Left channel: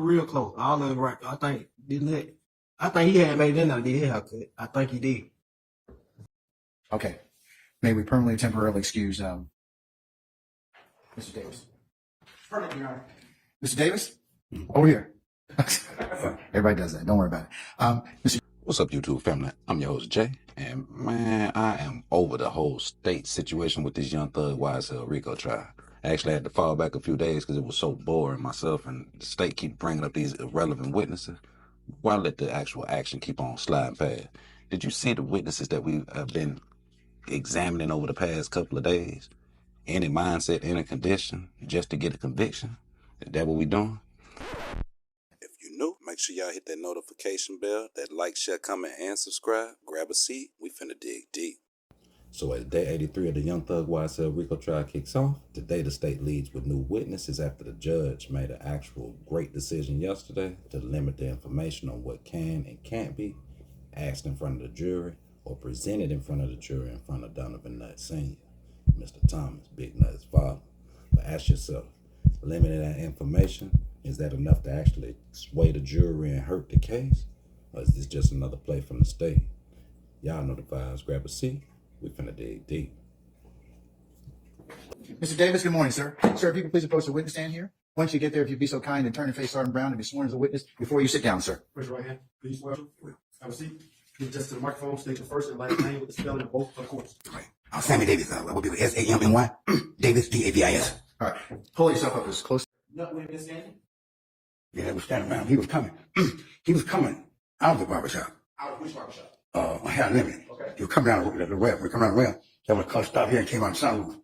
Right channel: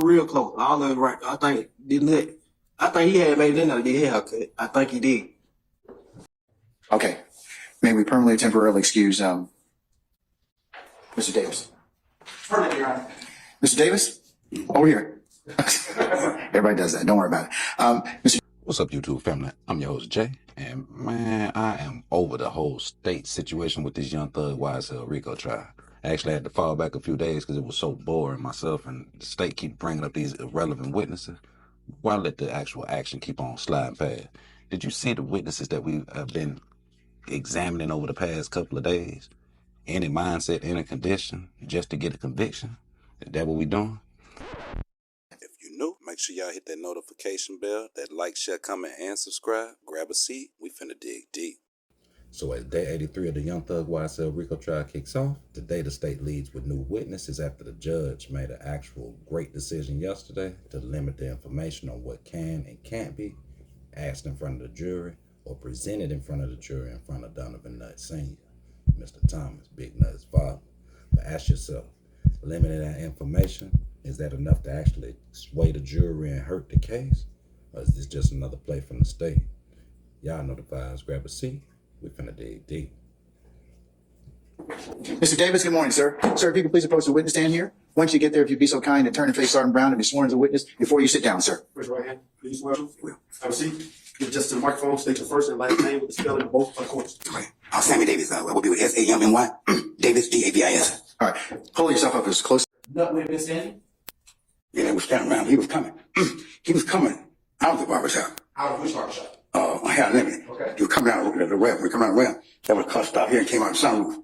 real close. All of it right. I think didn't it? I think he had made it in there, did his haircut. I think he did. Okay. May we permanently temporarily excuse Mr. Davis? Permanently, Your Honor. Mr. Davis? Over here. Everybody does that. Don't worry about it. Mr. What's up, YouTube family? I'm your host, Jay. And man, I am over the whole state situation with this Young Thug YSL Rico trial. I actually had to fall back a few days because it was so boring myself, and the state keep bringing up these irrelevant witnesses. Why let the actual action keep on sliding past? Did you see the witnesses that we have been examining over the past couple of days? Any mindset, any condition, just to get a conviction? Is that what we doing? If you're new, make sure y'all hit that notification bell, that like, share, comment, and subscribe. Grab a seat. We finna dig deep. So as day 83 of the Young Thug YSL Rico trial kicks off, today the state leads with new witnesses after the judge made an actual great decision yesterday to limit the information on what can and can't be asked in front of the jury or presented in front of the jury in front of Donovan Thomas Jr., Mr. Thomas, Big Nut's father. But ask yourself, limiting that information, is that enough to actually sway the jury and hurt the case? Or is this just another play from the state? Y'all know the vibes. Grab a seat. We finna dig deep. Mr. Davis, good morning, sir. Sir, if you could please approach the witness stand here. Once you get there, if you'd be so kind and turn and face Sergeant Brown and be sworn as a witness before you sit down, sir. Raise your right hand. Please swear. Have a seat. Give just to the microphone. State your first and last name with the spelling of both of course. Okay. Sammy Davis. Will be with S-A-M-M-Y. Davis, D-A-V-I-S. All right. Pull yourself up as close. Nut would have been standing? Yeah, they were standing around. He was coming. He was coming out of the barbershop. Out of which barbershop? Hair limit. Okay. He was coming down the rail. We come down the rail. There was a car stop here and came out the sunroof.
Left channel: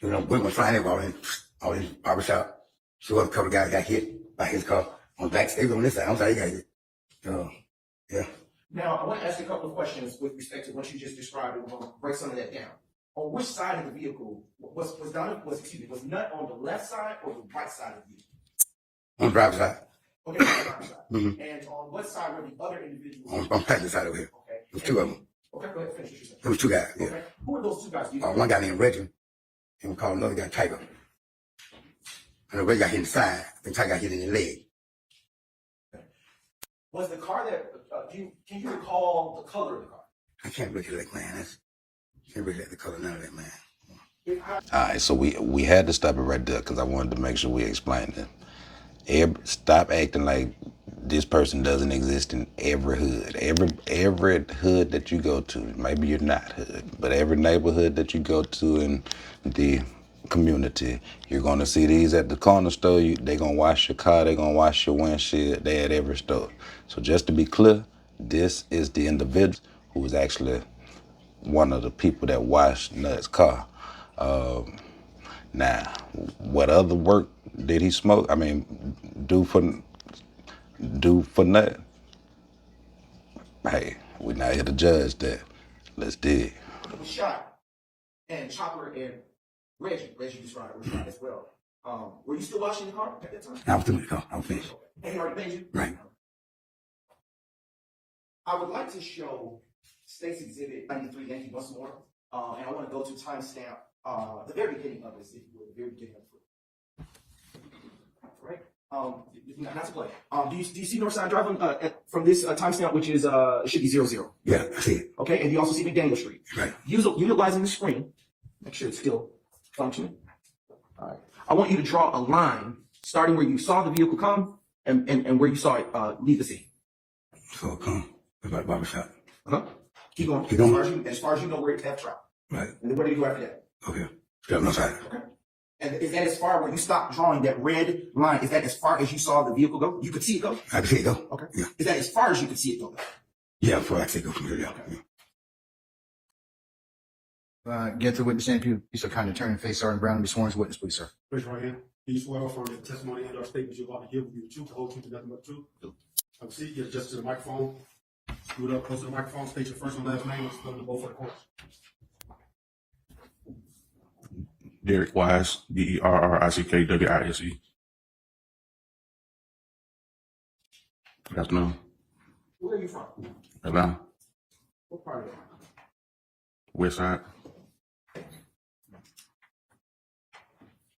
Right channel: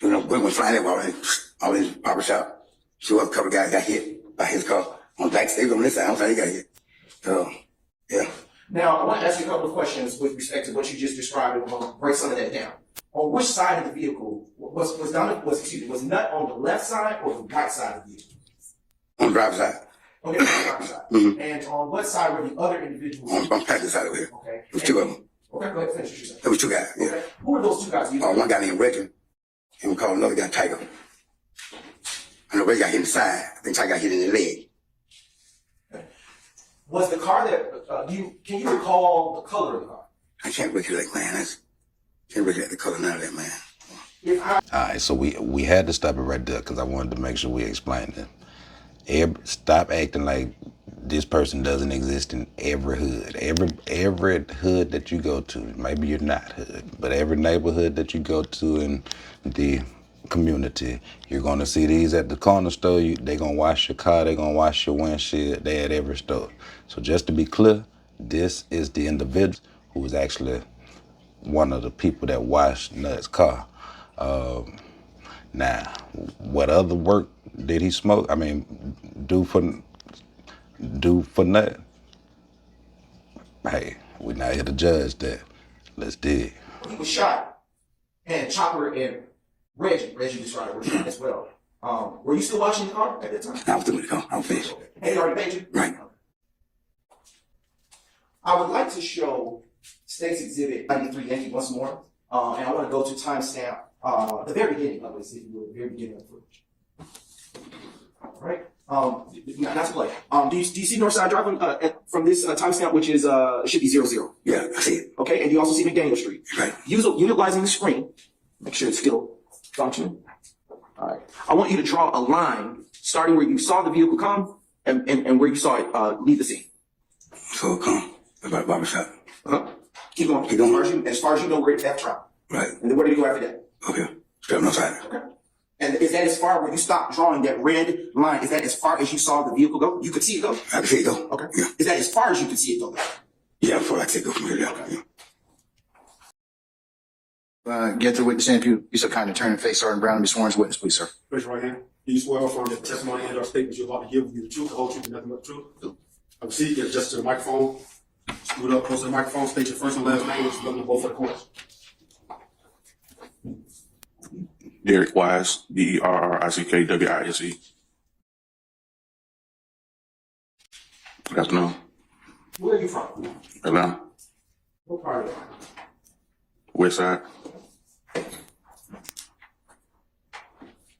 You know, went flying everywhere. All in his barbershop. So a couple of guys got hit by his car on the back. They was on this side. I don't know how he got hit. So, yeah. Now, I want to ask you a couple of questions with respect to what you just described, and we'll break some of that down. On which side of the vehicle was Nut on the left side or the right side of the vehicle? On the driver's side. Okay, on the driver's side. Mm-hmm. And on what side were the other individuals? On the passenger side over here. Okay. There was two of them. Okay, go ahead, finish what you're saying. There was two guys, yeah. Okay. Who are those two guys? One guy named Reggie, and we called another guy Tiger. And the Reggie got hit in the side. I think Tiger got hit in the leg. Okay. Was the car that, can you recall the color of the car? I can't recollect, man. Can't recollect the color, none of that, man. All right, so we had to stop it right there because I wanted to make sure we explained it. Stop acting like this person doesn't exist in every hood. Every hood that you go to, maybe you're not hood, but every neighborhood that you go to in the community, you're gonna see these at the corner store. They're gonna wash your car, they're gonna wash your windshield. They at every store. So just to be clear, this is the individual who was actually one of the people that washed Nut's car. Now, what other work did he smoke? I mean, do for Nut? Hey, we're not here to judge that. Let's dig. He was shot, and Chopper and Reggie described were shot as well. Were you still washing the car at that time? I was doing the car. I'm finished. Had he already paid you? Right. I would like to show State's Exhibit 93 Yankee once more, and I want to go to timestamp the very beginning of this, if you will, the very beginning of the footage. All right. Not to play. Do you see Northside driving from this timestamp, which is should be 00? Yeah, I see it. Okay, and you also see McDaniel Street. Right. Utilizing the screen, make sure it's still functioning. All right. I want you to draw a line starting where you saw the vehicle come and where you saw it leave the scene. So come about the barbershop. Keep going. Keep going. As far as you know, where it's that drop. Right. And then where do you go after that? Okay. Straight outside. Okay. And is that as far where you stopped drawing that red line? Is that as far as you saw the vehicle go? You could see it go? I can see it go. Okay. Yeah. Is that as far as you could see it go? Yeah, before I can go from here. Yeah. Get the witness stand. If you'd be so kind and turn and face Sergeant Brown and be sworn as a witness, please, sir. Raise your right hand. Do you swear affirm that the testimony and our statements you're about to give will be the truth, the whole truth, and nothing but the truth? Have a seat. Get just to the microphone. Scoot up close to the microphone. State your first and last name with the spelling of both of course. Derek Wise, D-E-R-R-I-C-K-W-I-S-E. Good afternoon. Where are you from? Atlanta, What part of it? West Side,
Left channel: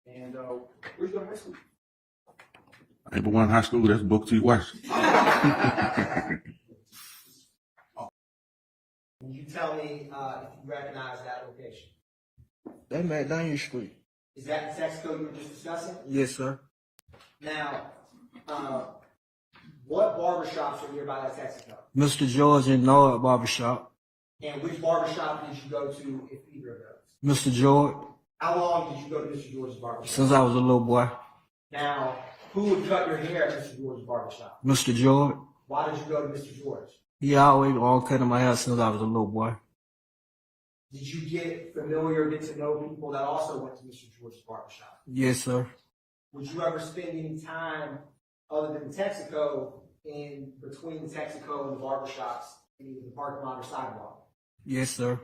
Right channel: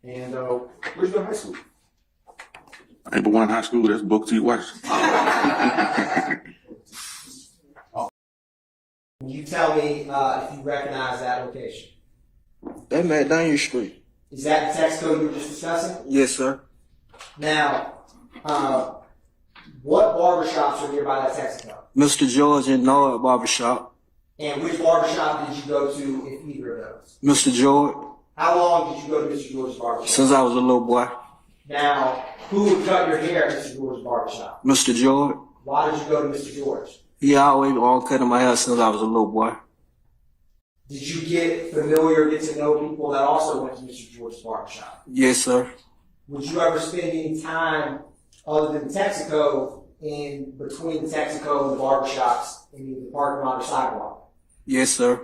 And where's your high school? I ain't but one high school. That's Booker T. Washington. Can you tell me if you recognize that location? That McDaniel Street. Is that the Texaco you were just discussing? Yes, sir. Now, what barbershops are nearby that Texaco? Mr. George and Noah Barbershop. And which barbershop did you go to if either of those? Mr. George, How long did you go to Mr. George's barbershop? since I was a little boy. Now, who would cut your hair at Mr. George's barbershop? Mr. George, Why did you go to Mr. George? he always all cutting my hair since I was a little boy. Did you get familiar, get to know people that also went to Mr. George's barbershop? Yes, sir. Would you ever spend any time other than Texaco in between the Texaco and the barbershops in the parking lot or sidewalk? Yes, sir.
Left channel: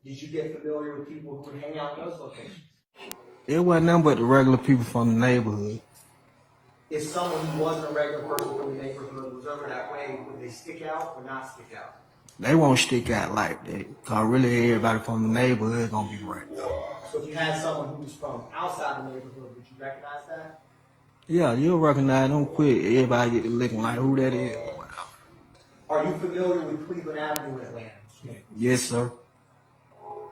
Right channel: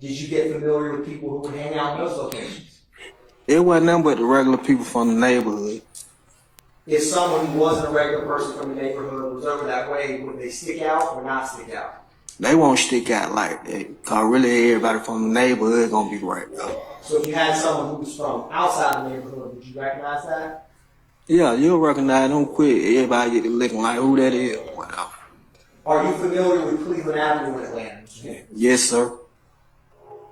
Did you get familiar with people who would hang out in those locations? It wasn't nothing but the regular people from the neighborhood. If someone who wasn't a regular person from the neighborhood was over that way, would they stick out or not stick out? They won't stick out like that, cause really everybody from the neighborhood gonna be right there. So if you had someone who was from outside the neighborhood, would you recognize that? Yeah, you'll recognize them quick. Everybody get to looking like who that is. Wow. Are you familiar with Cleveland Avenue in Atlanta? Yes, sir.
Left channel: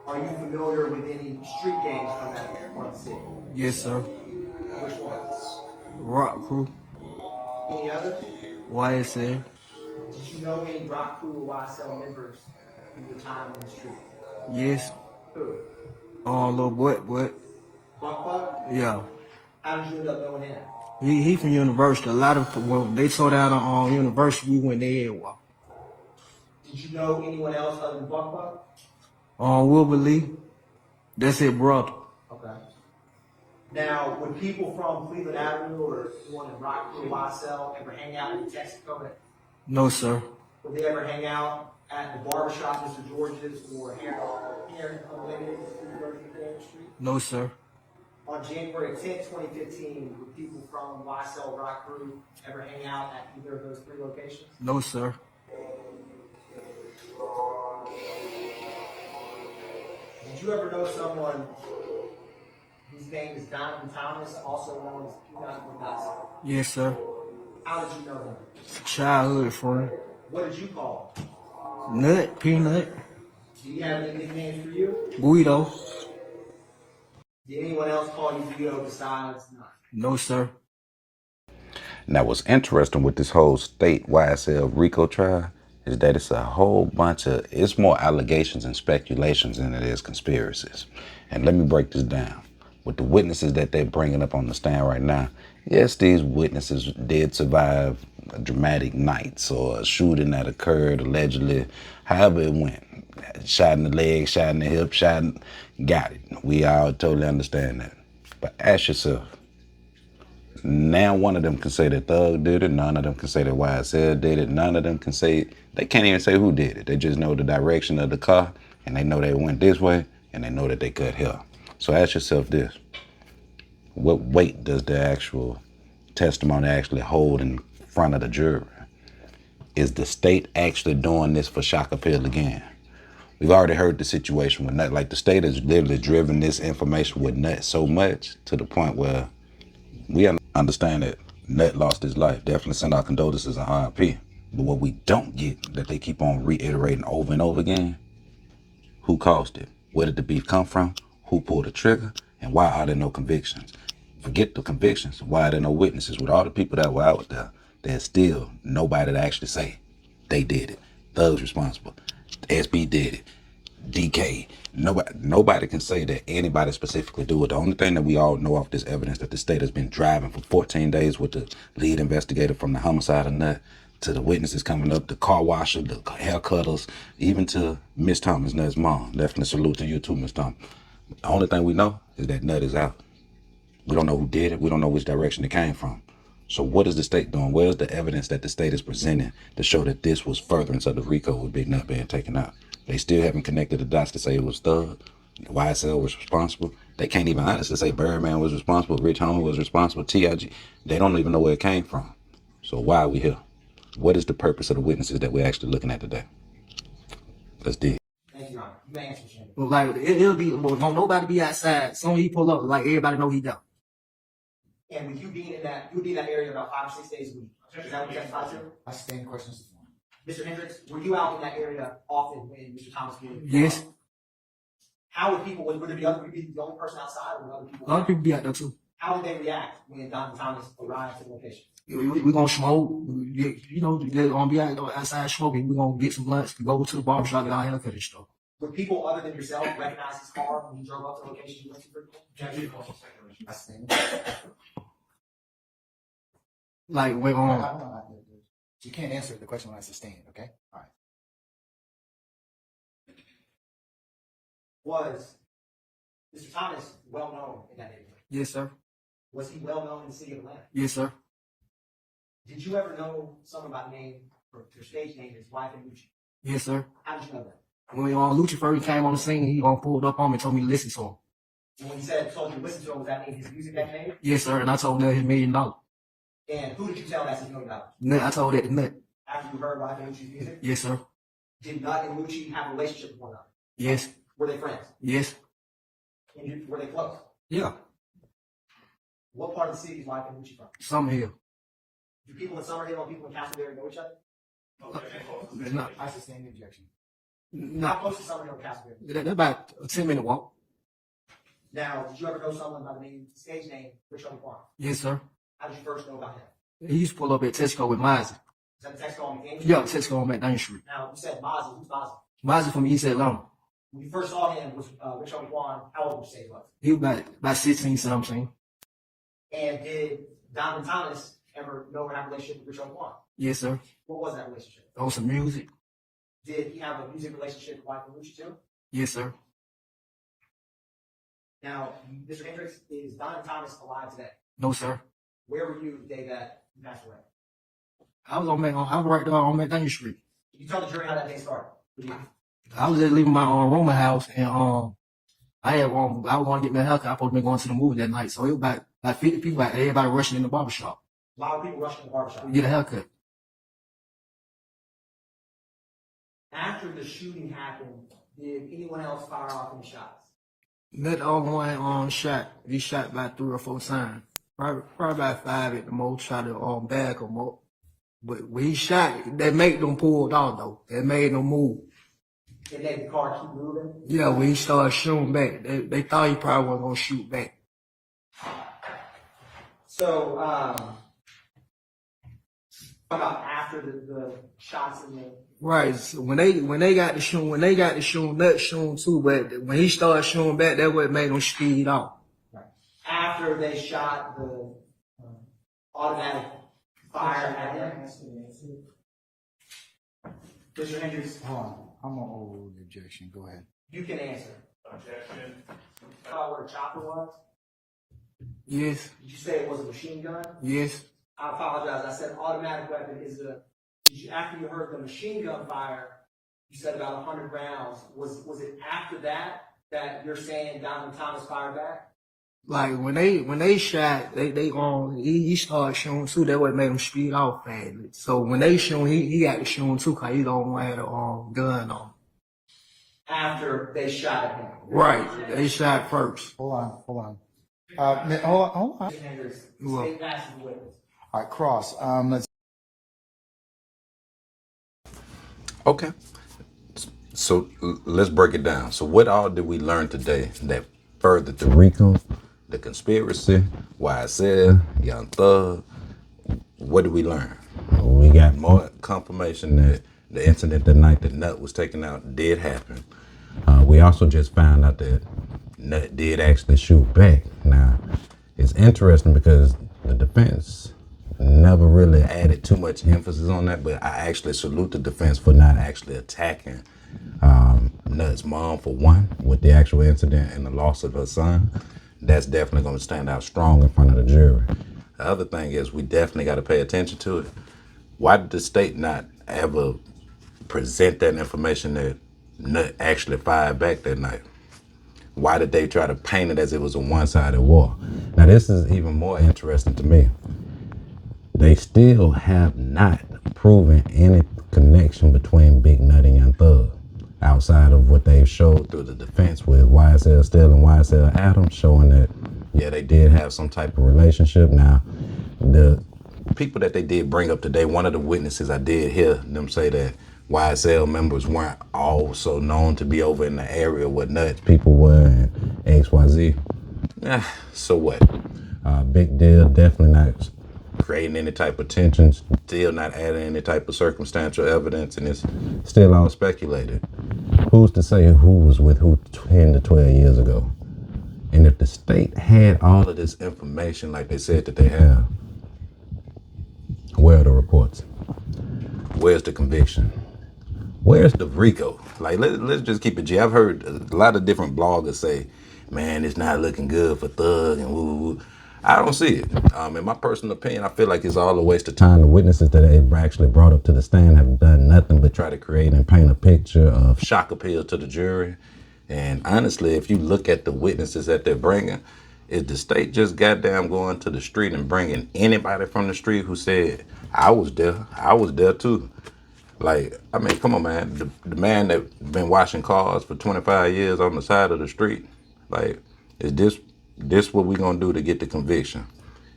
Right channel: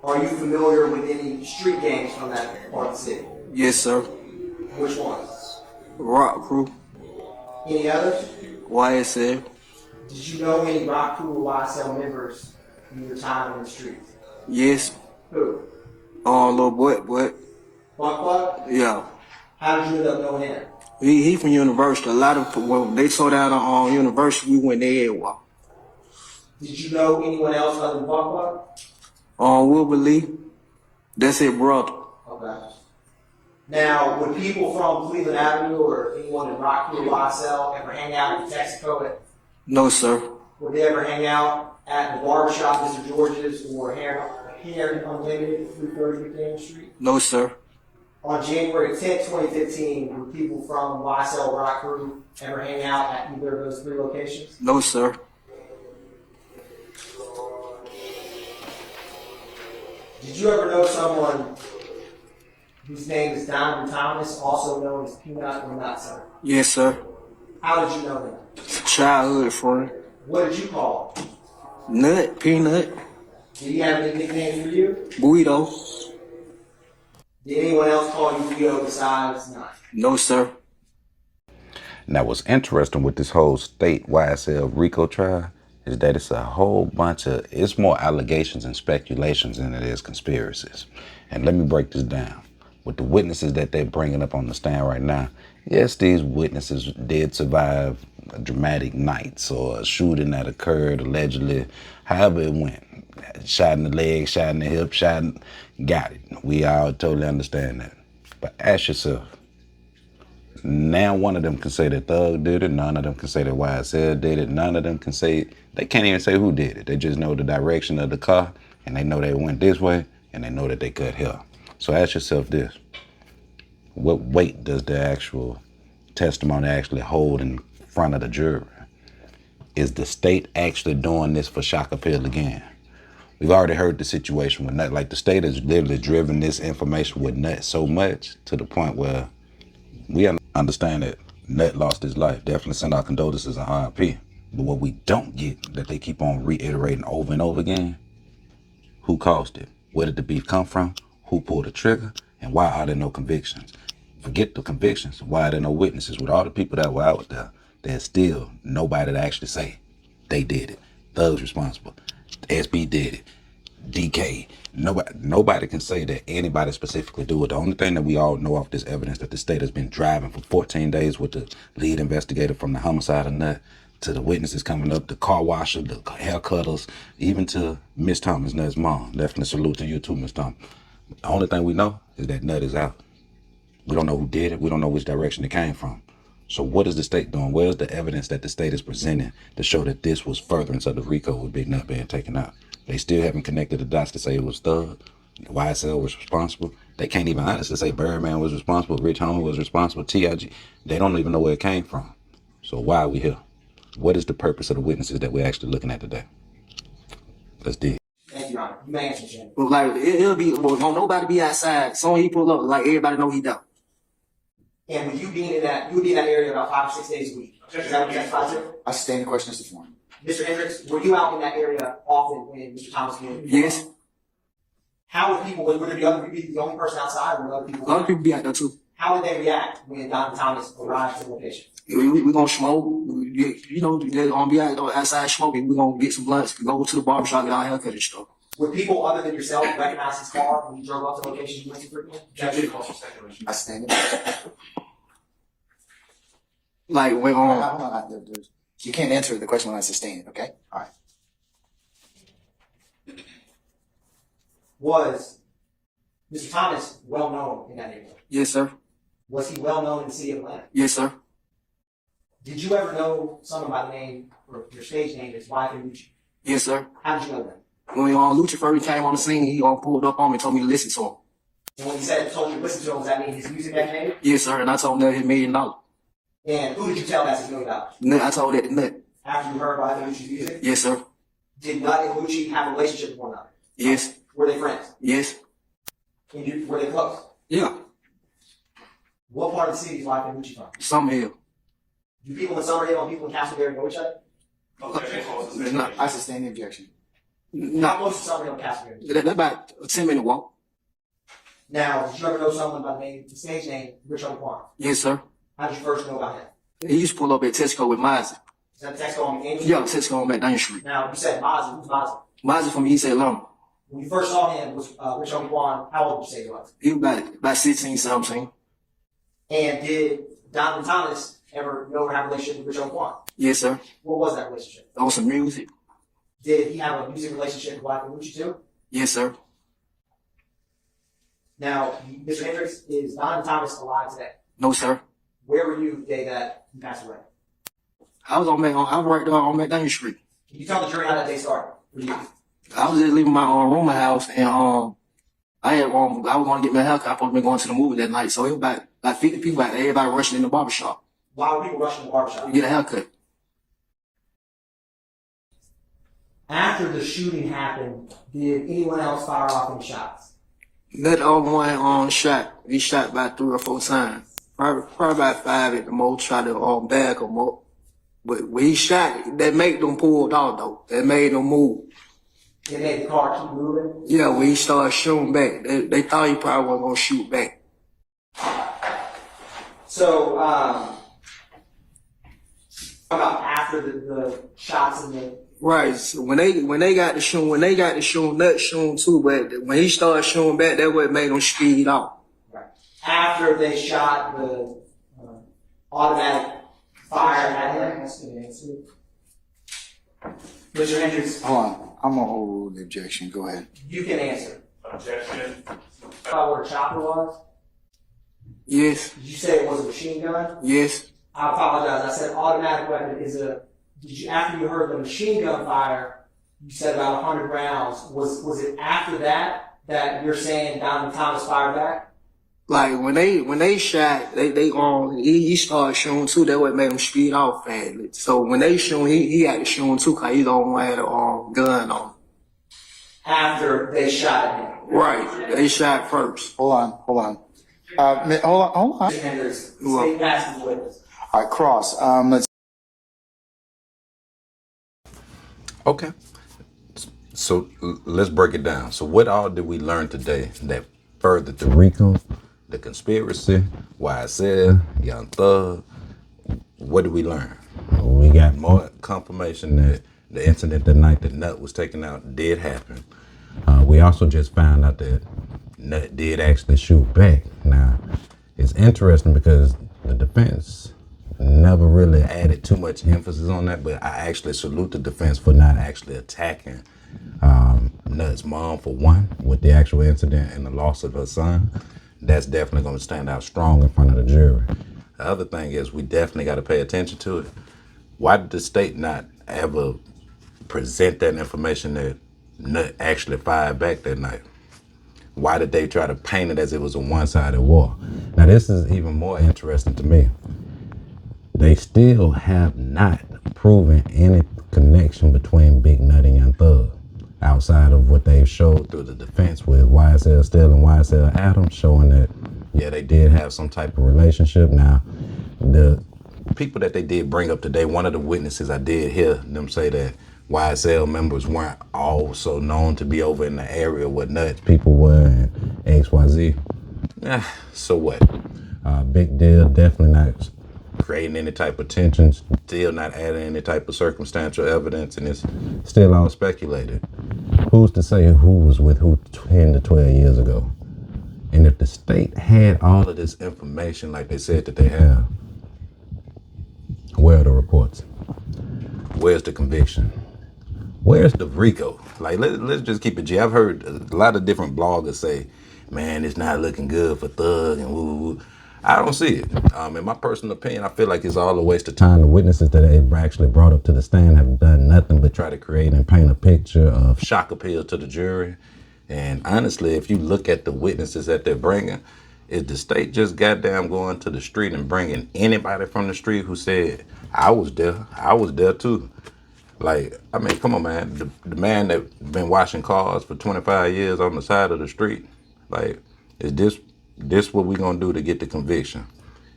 Are you familiar with any street gangs from that part of the city? Yes, sir. Which ones? Rock Crew, Any others? YSL. Did you know any Rock Crew or YSL members in your time in the streets? Yes. Who? Little boy, Buck Buck? yeah. How did you end up knowing him? He from University. A lot of, when they tore down on University, we went there and walked. Did you know anyone else other than Buck Buck? Wilbur Lee, that's his brother. Okay. Now, would people from Cleveland Avenue or anyone in Rock Crew or YSL ever hang out in Texaco? No, sir. Would they ever hang out at the barbershop, Mr. George's, or Hair Unlimited, 330 McDaniel Street? No, sir. On January 10, 2015, would people from YSL Rock Crew ever hang out at either of those three locations? No, sir. Did you ever know someone whose name is Donovan Thomas, also known as Peanut or Nut, sir? Yes, sir. How did you know him? Childhood friend. What did you call him? Nut, Peanut, Did he have any nicknames for you? Guido. Did anyone else call you Rico besides Nut? No, sir. Now, what's interesting with this whole state YSL Rico trial is that it's a whole bunch of, it's more allegations and speculations than it is conspiracies. And let me break this down. With the witnesses that they're bringing up on the stand right now, yes, these witnesses did survive dramatic nights or a shooting that occurred allegedly, however it went. Shot in the leg, shot in the hip, got it. We all totally understand that. But ask yourself, now one of them can say that Thug did it, none of them can say that YSL did it, none of them can say, they can't even say who did it. They just know the direction of the car, and they know they went this way, and they know that they cut here. So ask yourself this, what weight does the actual testimony actually hold in front of the jury? Is the state actually doing this for shock appeal again? We've already heard the situation with Nut. Like, the state has literally driven this information with Nut so much to the point where we understand that Nut lost his life. Definitely send our condolences and RIP. But what we don't get, that they keep on reiterating over and over again, who caused it? Where did the beef come from? Who pulled the trigger? And why are there no convictions? Forget the convictions. Why are there no witnesses? With all the people that were out there, there's still nobody to actually say they did it. Thug's responsible. SB did it. DK. Nobody can say that anybody specifically do it. The only thing that we all know off this evidence that the state has been driving for 14 days with the lead investigator from the homicide of Nut, to the witnesses coming up, the car washer, the hair cutters, even to Miss Thomas, Nut's mom. Definitely salute to you too, Miss Thomas. The only thing we know is that Nut is out. We don't know who did it. We don't know which direction it came from. So what is the state doing? Where's the evidence that the state is presenting to show that this was furtherance of the Rico with Big Nut being taken out? They still haven't connected the dots to say it was Thug, YSL was responsible. They can't even honestly say Birdman was responsible, Rich Homie was responsible, TIG. They don't even know where it came from. So why are we here? What is the purpose of the witnesses that we're actually looking at today? Let's dig. Thank you, Your Honor. You may answer, Shane. But like, it'll be, well, don't nobody be outside. Soon he pull up, like everybody know he done. And with you being in that, you would be in that area about 5 or 6 days a week. Is that what you testified to? I sustain the question as the form. Mr. Hendricks, were you out in that area often when Mr. Thomas came? Yes. How would people, would there be other, would you be the only person outside, or would other people? Other people be out there too. How did they react when Donovan Thomas arrived to the location? We gonna smoke. You know, they're gonna be outside smoking. We gonna get some blunts. Go to the barbershop, get our haircut and stuff. Would people other than yourself recognize his car when you drove up to the location you went to frequently? I sustain it. Like when Hold on. You can't answer the question when I sustain it, okay? All right. Was Mr. Thomas well known in that neighborhood? yes sir, Was he well known in the city of Atlanta? yes sir, Did you ever know someone by the name, or your stage name is YSL? yes sir. How did you know that? When Lucha first came on the scene, he pulled up on me and told me to listen to him. And when he told you to listen to him, does that mean his music that he made? Yes sir, and I told him that his $1 million. And who did you tell that's his $1 million? Nut, I told that to Nut. After you heard YSL's music? Yes sir, Did Nut and Lucci have a relationship with one another? yes, Were they friends? yes, And were they close? yeah. What part of the city is YSL Lucci from? Some hell. Do people in Summerhill and people in Castleberry know each other? Not, I sustain the objection. How not, close is Summerhill and Castleberry? that's about a 10-minute walk. Now, did you ever know someone by the name, the stage name, Rico Quan? Yes sir. How did you first know about him? He used to pull up at Tesco with Mozzie. Is that Texas on McCain? Yeah, Tesco on McDaniel Street. Now, you said Mozzie. Who's Mozzie? Mozzie from East Atlanta. When you first saw him, was Rico Quan, how old did you say he was? He was about 16, 17. And did Donovan Thomas ever know or have a relationship with Rico Quan? Yes sir. What was that relationship? On some music. Did he have a music relationship with YSL Lucci too? Yes sir. Now, Mr. Hendricks, is Donovan Thomas alive today? No sir. Where were you the day that he passed away? I was right there on McDaniel Street. Can you tell the jury how that day started for you? I was just leaving my rooming house and I was going to get my haircut. I was supposed to be going to the movie that night. So it was about 50 people out there, everybody rushing in the barbershop Why were people rushing the barbershop? to get a haircut. After the shooting happened, did anyone else fire off any shots? That other one shot. He shot about 3 or 4 times. Probably about 5 at the most. Tried to bag him up. But when he shot, that made them pull off though. That made them move. It made the car keep moving. Yeah, when he started shooting back, they thought he probably wasn't gonna shoot back. So, about after the shots and the Right. So when they got to shooting, Nut shooting too, but when he started shooting back, that what made him speed off. right. After they shot the automatic fire at him. Mr. Hendricks, Hold on. I'm going to overrule the objection. Go ahead. you can answer. About what a chopper was? Yes, Did you say it was a machine gun? yes, I apologize. I said automatic weapon is a. Did you after you heard the machine gun fire? You said about 100 rounds. Was it after that you're saying Donovan Thomas fired back? like when they shot, he started shooting too. That what made him speed off fast. So when they shoot, he had to shoot too, cause he don't have a gun on. After they shot at him. Right, they shot first. Hold on. Hold on. Mr. Hendricks, state past the witness. All right, Cross. Let's. Okay. So let's break it down. So what all did we learn today that furthered the Rico, the conspiracy, YSL, Young Thug? What did we learn? We got more confirmation that the incident that night that Nut was taken out did happen. We also just found out that Nut did actually shoot back. Now, it's interesting because the defense never really added too much emphasis on that, but I actually salute the defense for not actually attacking Nut's mom for one, with the actual incident and the loss of her son. That's definitely going to stand out strong in front of the jury. The other thing is we definitely got to pay attention to it. Why did the state not ever present that information that Nut actually fired back that night? Why did they try to paint it as it was a one-sided war? Now, this is even more interesting to me. They still have not proven any connection between Big Nut and Young Thug outside of what they've showed through the defense with YSL Still and YSL Adams, showing that Yeah, they did have some type of relationship. Now, the people that they did bring up today, one of the witnesses, I did hear them say that YSL members weren't also known to be over in the area where nuts people were and XYZ. Yeah, so what? Big deal, definitely not creating any type of tension, still not adding any type of circumstantial evidence, and it's still all speculated. Who's to say who was with who 10 to 12 years ago? And if the state had all of this information like they said that they have, where are the reports? Where's the conviction? Where's the Rico? Like, let's just keep it G. I've heard a lot of different bloggers say, man, it's not looking good for Thug and woo woo. I don't see it. In my personal opinion, I feel like it's all a waste of time. The witnesses that they actually brought up to the stand have done nothing but try to create and paint a picture of shock appeal to the jury. And honestly, if you look at the witnesses that they're bringing, is the state just goddamn going to the street and bringing anybody from the street who said, I was there too. Like, I mean, come on, man. The man that been washing cars for 25 years on the side of the street, like, is this what we gonna do to get the conviction?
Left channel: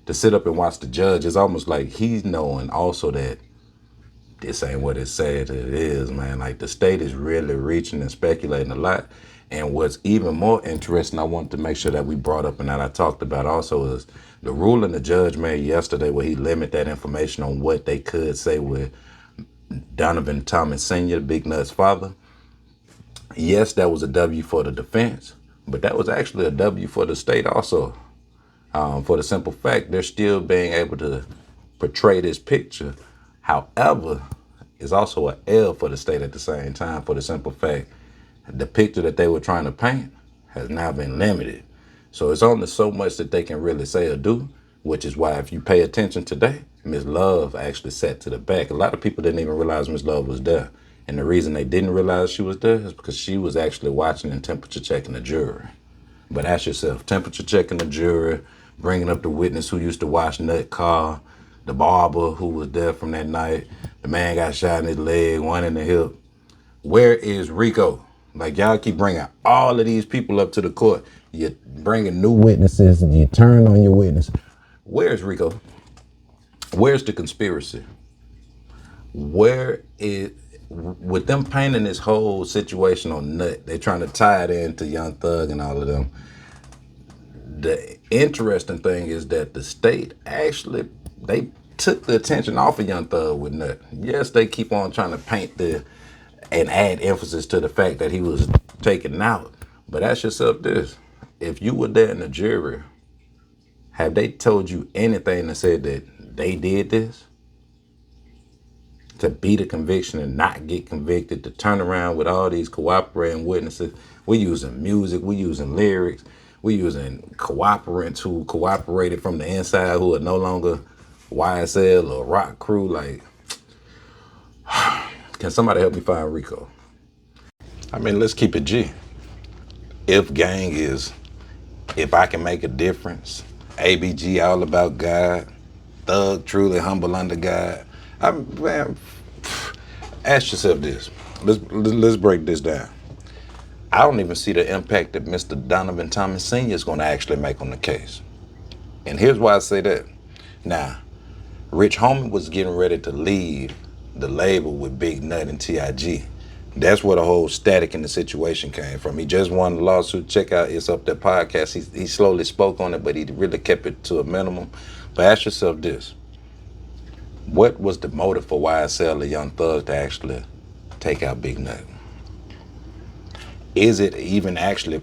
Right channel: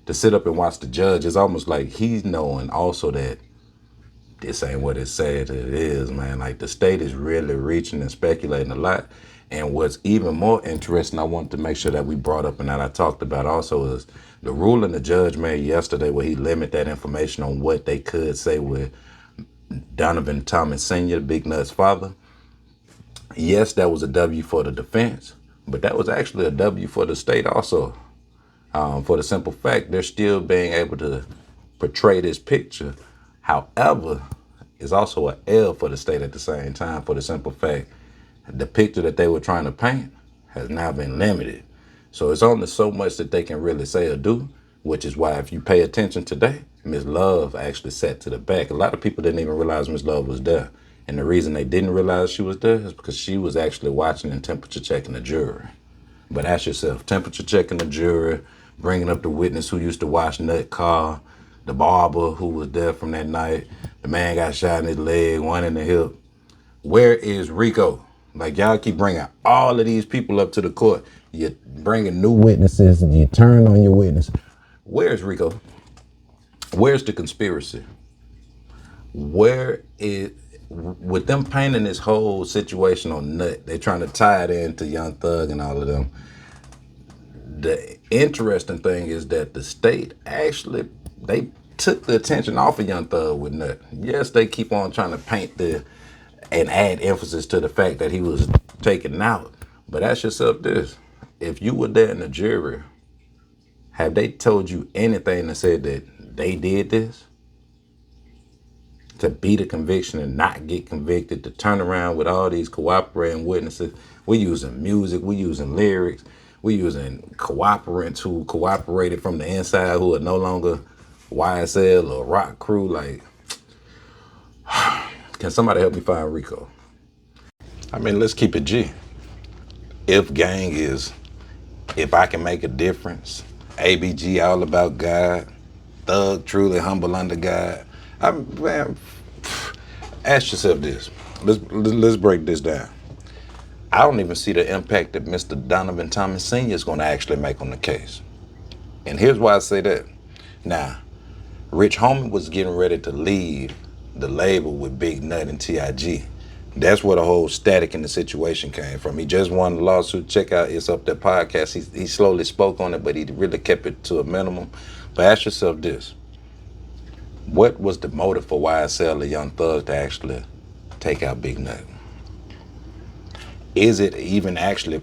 To sit up and watch the judge, is almost like he's knowing also that this ain't what it said it is, man. Like, the state is really reaching and speculating a lot. And what's even more interesting, I want to make sure that we brought up and that I talked about also, is the ruling the judge made yesterday where he limited that information on what they could say with Donovan Thomas Sr., Big Nut's father. Yes, that was a W for the defense, but that was actually a W for the state also. For the simple fact they're still being able to portray this picture. However, it's also an L for the state at the same time, for the simple fact the picture that they were trying to paint has now been limited. So it's only so much that they can really say or do, which is why if you pay attention today, Miss Love actually sat to the back. A lot of people didn't even realize Miss Love was there. And the reason they didn't realize she was there is because she was actually watching and temperature checking the jury. But ask yourself, temperature checking the jury, bringing up the witness who used to wash Nut car, the barber who was there from that night, the man got shot in his leg, one in the hip. Where is Rico? Like, y'all keep bringing all of these people up to the court. You're bringing new witnesses and you turn on your witness. Where's Rico? Where's the conspiracy? Where is, with them painting this whole situation on Nut, they're trying to tie it into Young Thug and all of them. The interesting thing is that the state actually, they took the attention off of Young Thug with Nut. Yes, they keep on trying to paint and add emphasis to the fact that he was taken out. But ask yourself this, if you were there in the jury, have they told you anything that said that they did this? To beat a conviction and not get convicted, to turn around with all these cooperating witnesses. We're using music, we're using lyrics, we're using cooperants who cooperated from the inside who are no longer YSL or Rock Crew. Like, can somebody help me find Rico? I mean, let's keep it G. If gang is, if I can make a difference, ABG all about God, Thug truly humble under God. Man, ask yourself this. Let's break this down. I don't even see the impact that Mr. Donovan Thomas Sr. is going to actually make on the case. And here's why I say that. Now, Rich Homie was getting ready to leave the label with Big Nut and TIG. That's where the whole static in the situation came from. He just won the lawsuit. Check out It's Up There podcast. He slowly spoke on it, but he really kept it to a minimum. But ask yourself this. What was the motive for YSL or Young Thug to actually take out Big Nut? Is it even actually,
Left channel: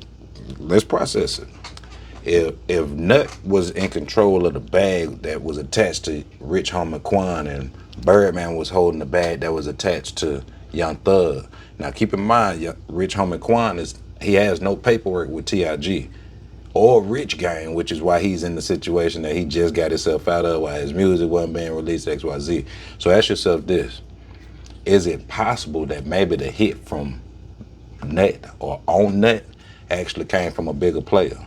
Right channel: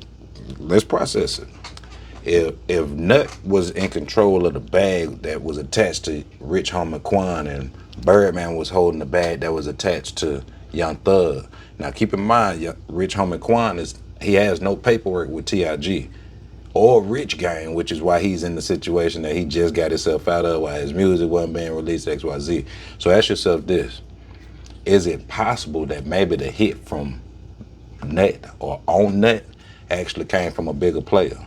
let's process it. If Nut was in control of the bag that was attached to Rich Homie Quan and Birdman was holding the bag that was attached to Young Thug. Now keep in mind, Rich Homie Quan he has no paperwork with TIG or Rich Gang, which is why he's in the situation that he just got himself out of, why his music wasn't being released, XYZ. So ask yourself this. Is it possible that maybe the hit from Nut or on Nut actually came from a bigger player?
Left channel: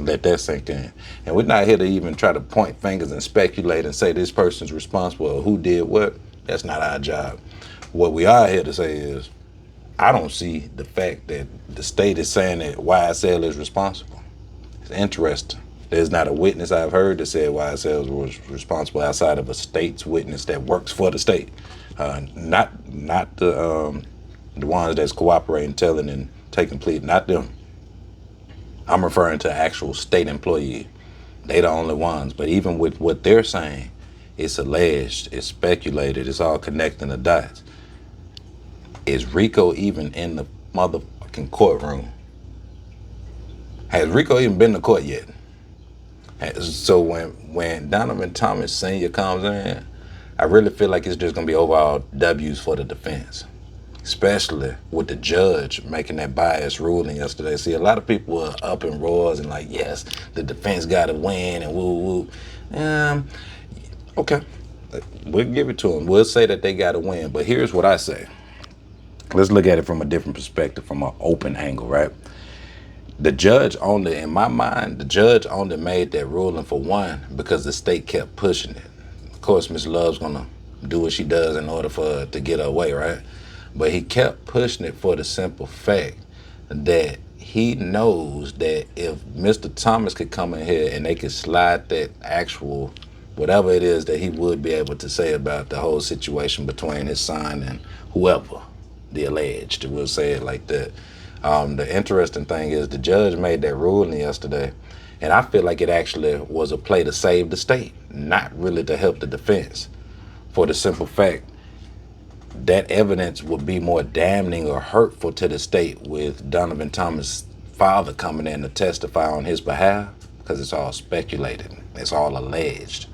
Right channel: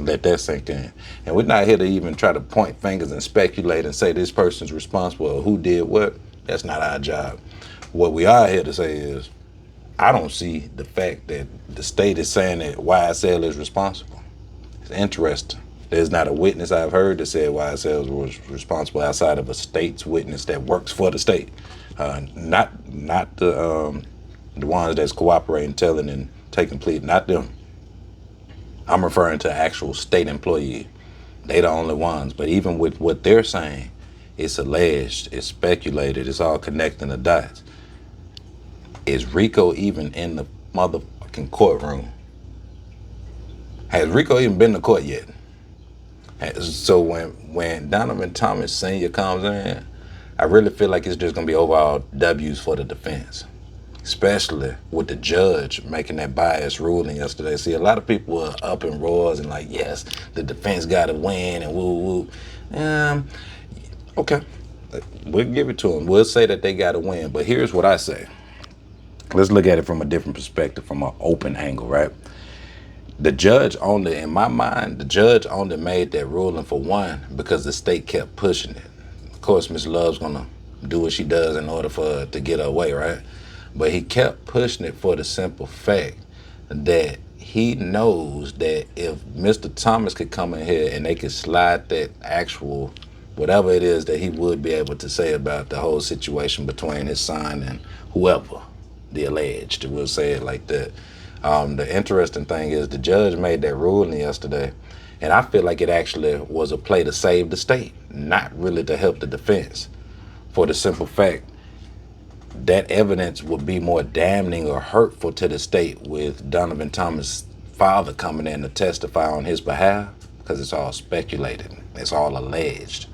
Let that sink in. And we're not here to even try to point fingers and speculate and say this person's responsible or who did what. That's not our job. What we are here to say is, I don't see the fact that the state is saying that YSL is responsible. It's interesting. There's not a witness I've heard that said YSL was responsible outside of a state's witness that works for the state. Not the ones that's cooperating, telling, and taking plea. Not them. I'm referring to actual state employee. They the only ones. But even with what they're saying, it's alleged, it's speculated, it's all connecting the dots. Is Rico even in the motherfucking courtroom? Has Rico even been to court yet? So when Donovan Thomas Jr. comes in, I really feel like it's just gonna be overall W's for the defense, especially with the judge making that biased ruling yesterday. See, a lot of people were up in roars and like, yes, the defense got to win and woo woo. Okay, we'll give it to them. We'll say that they got to win. But here's what I say. Let's look at it from a different perspective, from an open angle, right? The judge only, in my mind, the judge only made that ruling for one because the state kept pushing it. Of course, Miss Love's gonna do what she does in order for her to get her way, right? But he kept pushing it for the simple fact that he knows that if Mr. Thomas could come in here and they could slide that actual whatever it is that he would be able to say about the whole situation between his son and whoever, the alleged, we'll say it like that. The interesting thing is the judge made that ruling yesterday, and I feel like it actually was a play to save the state, not really to help the defense, for the simple fact that evidence would be more damning or hurtful to the state with Donovan Thomas' father coming in to testify on his behalf, because it's all speculated, it's all alleged.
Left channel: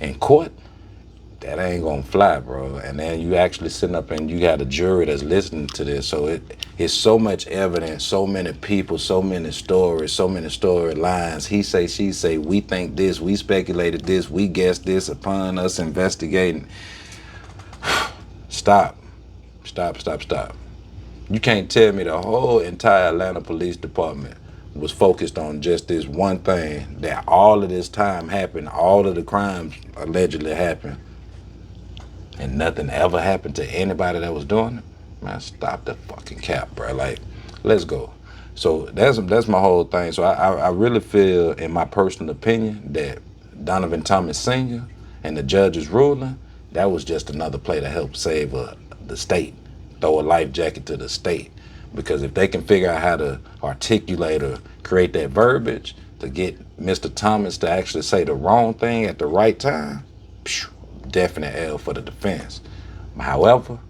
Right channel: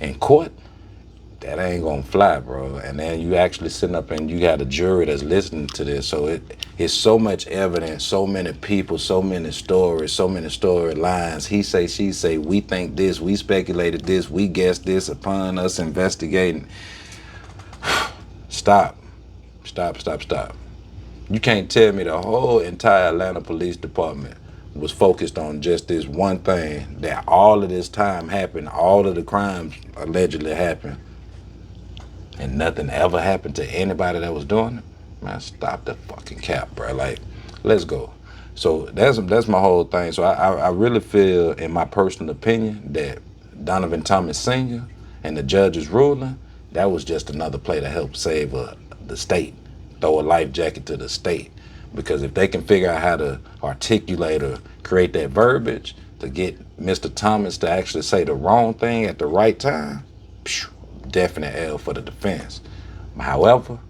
In court, that ain't gonna fly, bro. And then you actually sitting up and you got a jury that's listening to this. So it's so much evidence, so many people, so many stories, so many storylines. He say, she say, we think this, we speculated this, we guessed this upon us investigating. Stop. You can't tell me the whole entire Atlanta Police Department was focused on just this one thing, that all of this time happened, all of the crimes allegedly happened, and nothing ever happened to anybody that was doing it. Man, stop the fucking cap, bro. Like, let's go. So that's my whole thing. So I really feel, in my personal opinion, that Donovan Thomas Sr. and the judge's ruling, that was just another play to help save the state, throw a life jacket to the state. Because if they can figure out how to articulate or create that verbiage to get Mr. Thomas to actually say the wrong thing at the right time, definite L for the defense. However,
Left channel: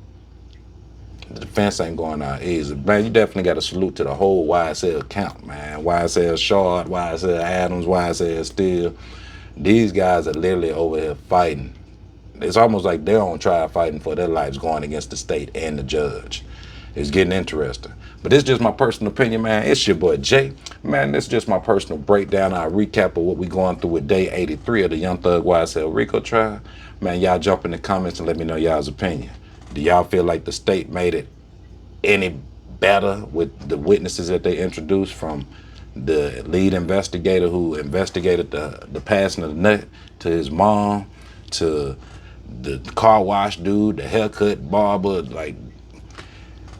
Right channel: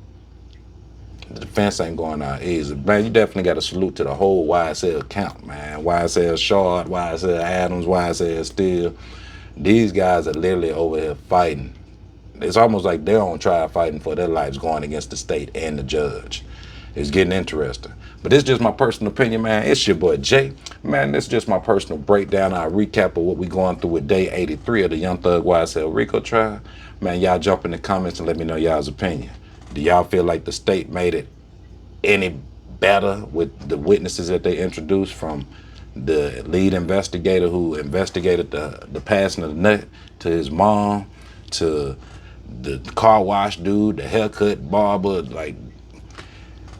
the defense ain't going out easy. Man, you definitely got to salute to the whole YSL camp, man. YSL Shard, YSL Adams, YSL Steele. These guys are literally over here fighting. It's almost like they're on trial fighting for their lives, going against the state and the judge. It's getting interesting. But it's just my personal opinion, man. It's your boy Jay. Man, this is just my personal breakdown, our recap of what we going through with day 83 of the Young Thug YSL Rico trial. Man, y'all jump in the comments and let me know y'all's opinion. Do y'all feel like the state made it any better with the witnesses that they introduced, from the lead investigator who investigated the passing of the nut to his mom, to the car wash dude, the haircut barber? Like,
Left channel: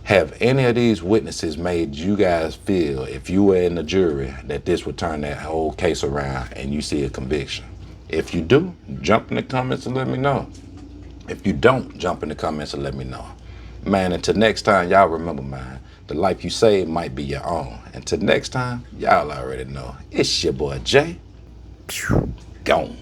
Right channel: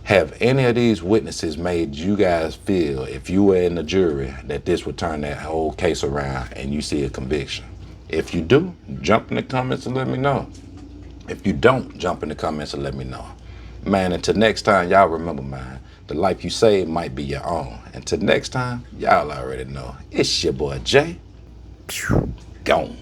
have any of these witnesses made you guys feel, if you were in the jury, that this would turn that whole case around and you see a conviction? If you do, jump in the comments and let me know. If you don't, jump in the comments and let me know. Man, until next time, y'all remember, man, the life you save might be your own. Until next time, y'all already know. It's your boy Jay. Gone.